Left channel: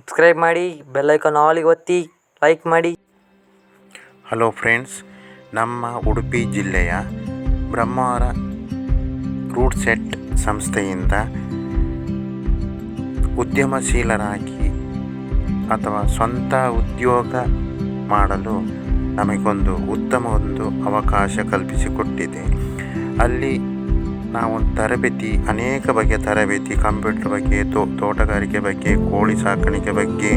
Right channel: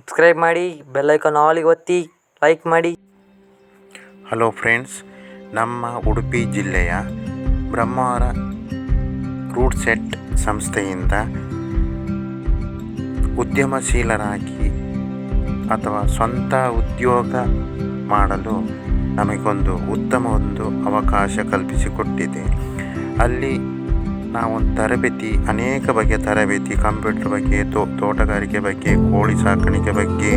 Subscribe ಮಾಡಿ bell icon ಆಲಿಗೆ ಒತ್ತಿ like ಮಾಡಿ. ಹಲೋ ಫ್ರೆಂಡ್ಸ್ ನಮ್ಮ ಉಡುಪಿ ಜಿಲ್ಲೆಯ ಬ್ರಹ್ಮಾವರ ರೂಟ್ ಸೆಟ್ ಸಂಸ್ಥೆಯಿಂದ ಉದ್ಯಮಶೀಲರಾಗಿ ಅಥವಾ ಸ್ವಂತ ಉದ್ಯೋಗ ಮಾಡಲು ನಮಗೊಂದು ಉತ್ತಮ ಒಂದು ಅವಕಾಶ ಕಲ್ಪಿಸಿಕೊಟ್ಟಿದೆ. ಅಲ್ಲಿ ನಾವೊಂದು ತರಬೇತಿ, ಅನೇಕ ಬಗೆಯ ತರಬೇತಿ, ಕಂಪ್ಯೂಟರ್ ಬಗ್ಗೆ, ತೋ, ತೋಟಗಾರಿಕೆ ಬಗ್ಗೆ, ಕೋಳಿ ಸಾಕಾಣಿಕೆ ಬಗ್ಗೆ,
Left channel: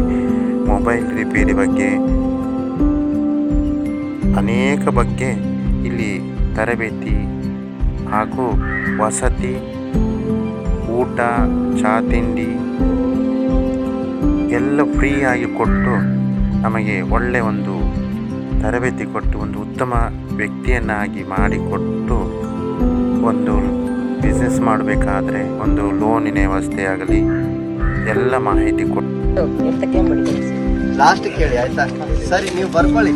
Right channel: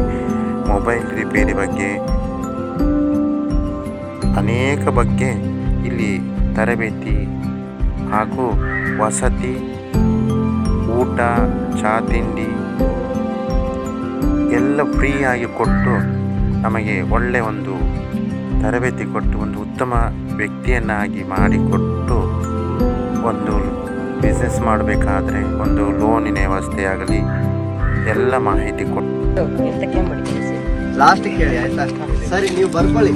ಮೊಬೈಲ್ ರಿಪೇರಿ ಬಗ್ಗೆ, ಅನೇಕ ಬಗ್ಗೆ ಇಲ್ಲಿ ತರಬೇತಿ ಹಾಗೂ ವಸತಿ, ಊಟ, ಚಹಾ ತಿಂಡಿ ಎಲ್ಲ ಫ್ರೀಯಾಗಿ ಕೊಟ್ಟು ನಮಗೆ ಒಳ್ಳೆಯ ಒಂದು ತರಬೇತಿ ಕೊಟ್ಟು, ಒಂದು ಉತ್ತಮ ವ್ಯಕ್ತಿಯನ್ನಾಗಿ ಮಾಡಿಕೊಟ್ಟು ಒಂದು ಬಿಸ್ನೆಸ್ ಮಾಡಬೇಕಾದ್ರೆ ಒಂದು ಲೋನಿನ ವ್ಯವಸ್ಥೆ ಆಗಲಿ ಎಲ್ಲ ಮಾಹಿತಿ ಕೊಟ್ಟು ಲಾಸ್ಟ್ ಕೇಳಿ ಆಯ್ತಾ? ಸರಿ ನೀವು ಬರ್ಕೊಳ್ಳಿ.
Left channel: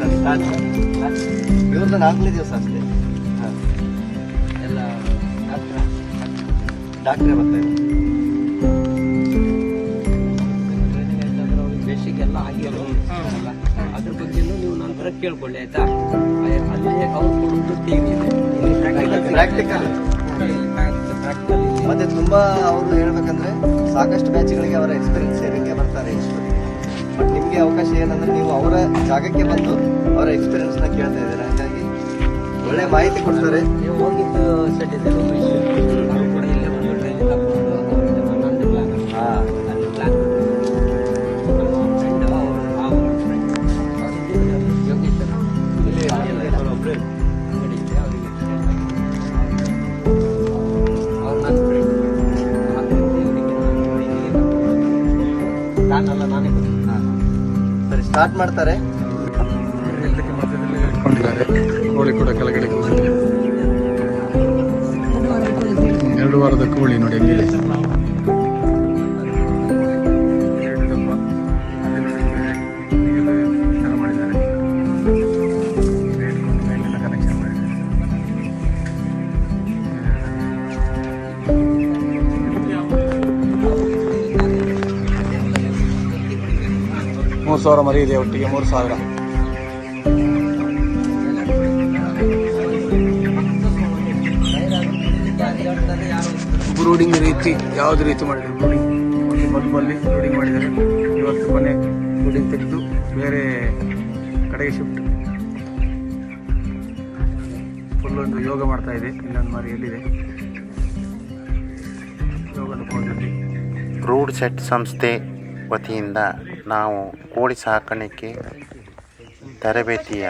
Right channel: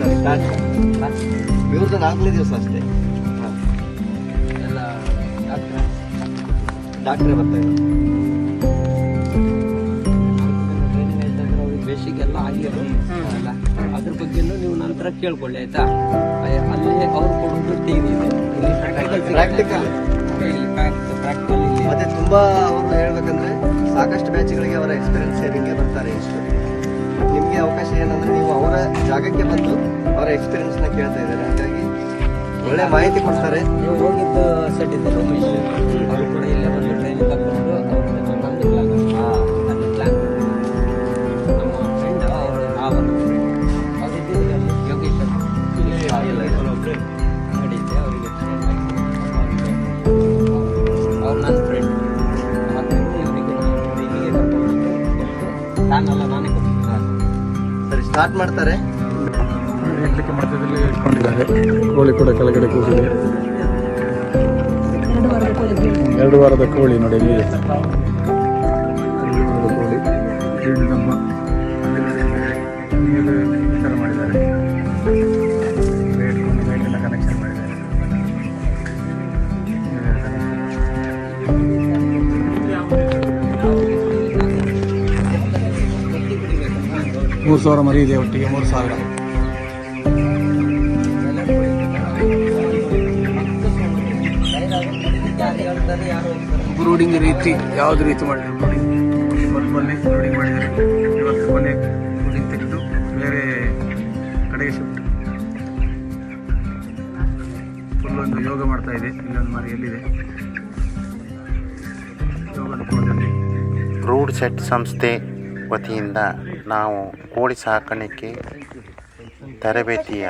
ಸರಿ ಸ್ಟಾರ್ಟ್ ಇವ್ರದ್ದು ನಾಲ್ಕನೇ ದಿವಸ ಅಷ್ಟೇ. ಎಲ್ಲ ಡಾಕ್ಟ್ರೇ ಬರ್ತಾ ಇದ್ದಾರೆ. ಬೇಸಿಗೆ ಎಲ್ಲ ಆಗಿರೋಲ್ಲ ಅದ್ರ ಬಗ್ಗೆ ನೀವು ನಂತರ ಕೇಳ್ಕೊಳ್ಳಿ ಆಯ್ತಾ? ಅಲ್ಲಿ ಅವ್ರು ಕೊಡೋದು ಟಿವಿ ಇದೆ. ಇಲ್ಲಿ ಪ್ರಾಕ್ಟಿಕಲ್ ಮತ್ತೆ ತುಂಬಾ ಅವರು ಹೇಳ್ಬೇಕಂದ್ರೆ ಸಾಕಷ್ಟು ಬ್ಯಾಚ್ಗಳಿಗೆ ಅವರ ಎಕ್ಸ್ಪೀರಿಯನ್ಸ್ ಶೇರಿಂಗ್ಗೆ ಬರ್ತಾರೆ ಇಷ್ಟೊತ್ತಿಗೆ. ಬಟ್ ನಿಮಗೆ ಅವಕಾಶ ಏನಂದ್ರೆ ನೀವು ಅವರ ಜಾಗಕ್ಕೆ ಬಂದು ಅವರ ಎಕ್ಸ್ಪೀರಿಯನ್ಸ್ನ ಕೇಳ್ತಾ ಇದ್ದಾರೆ. ಹಾಗಾಗಿ ಒಳ್ಳೆ ಮಾಹಿತಿ ಕೊಡ್ತಾರೆ. ನೀವು ಹೋಗಿದ್ದು ಸೆಟ್ ಇದ್ದಾರೆ ಅವರು ಕೂಡ ಇಲ್ಲೇ ಬಂದು ಟ್ರೈನಿಂಗ್ ತಗೊಂಡು ಅವ್ರದ್ದು ಹನ್ನೊಂದು ಪ್ಲಾನ್ ಹಾ. ಅಲ್ಲಿ ಪ್ಲಾನ್ ನಮ್ಮ ಫ್ರೆಂಡ್ ಅವರು ಆ ಒಂದು ಫ್ರೆಂಡ್ ಅವ್ರು ಇದ್ದಿದ್ರು ಅಲ್ಲಿ ನನ್ನ ಫ್ರೆಂಡ್ ಆದ್ದರಿಂದ ಇವರಿಗೆ ನಾನು ಇಲ್ಲಿಗೆ ಕರ್ಕೊಂಡು ನಾನಲ್ಲ ನಾನೇ ಕೊಟ್ಟು ಹಾ. ಸರಿ ಸ್ಟಾರ್ಟ್ ಮಾಡ್ತಾರೆ. ಇಡ್ಲಿಕ್ಕೆ ಮಧ್ಯದಲ್ಲಿ ಇಟ್ಕೊಂಡಿದ್ದಾರೆ. ಕೋಳಿ ಕೂಡ ಕೆಳಗಡೆ ಕೂತಿದೆ. ಎರಡು ವಾರದ ಕೋಳಿ ನೋಡಿ ಹೆಂಗಿದೆ ಮೂರು ಸಾವಿರ ಮರಿ ಇದೆ ಒಟ್ಟಿಗೆ, ಮೂರು ಸಾವಿರ. ಬ್ರೂಡಿಂಗ್ ರೀತಿ, ಯಾವ್ದು ರೀತಿ ಮಾಡಿದ್ರು ಬ್ರೂಡಿಂಗ್ ಮೊದಲಲ್ಲಿ ಬ್ರೂಡಿಂಗ್ ಮಾಡಿದ್ದಾರೆ. ಇವತ್ತು ಮನೆ ಬ್ರೂಡಿಂಗ್ ತೆಗೆದು ಬೇರೆ ಕಡೆಗೆ ಶಿಫ್ಟ್ ಒಂದು ಯೋಗ ಮಾಡ್ತಾ ಇದೆ. ಇನ್ನೊಂದು ಮರಿ ಎಲ್ಲಿದೆ? ಕೋಣದಲ್ಲಿ ರೂಡ್ ಸೆಟ್ ಸಂಸ್ಥೆ ವತಿಯಿಂದ ನಾವು ಕೋಳಿ ಸಾಕಾಣಿಕೆ ತರಬೇತಿಯ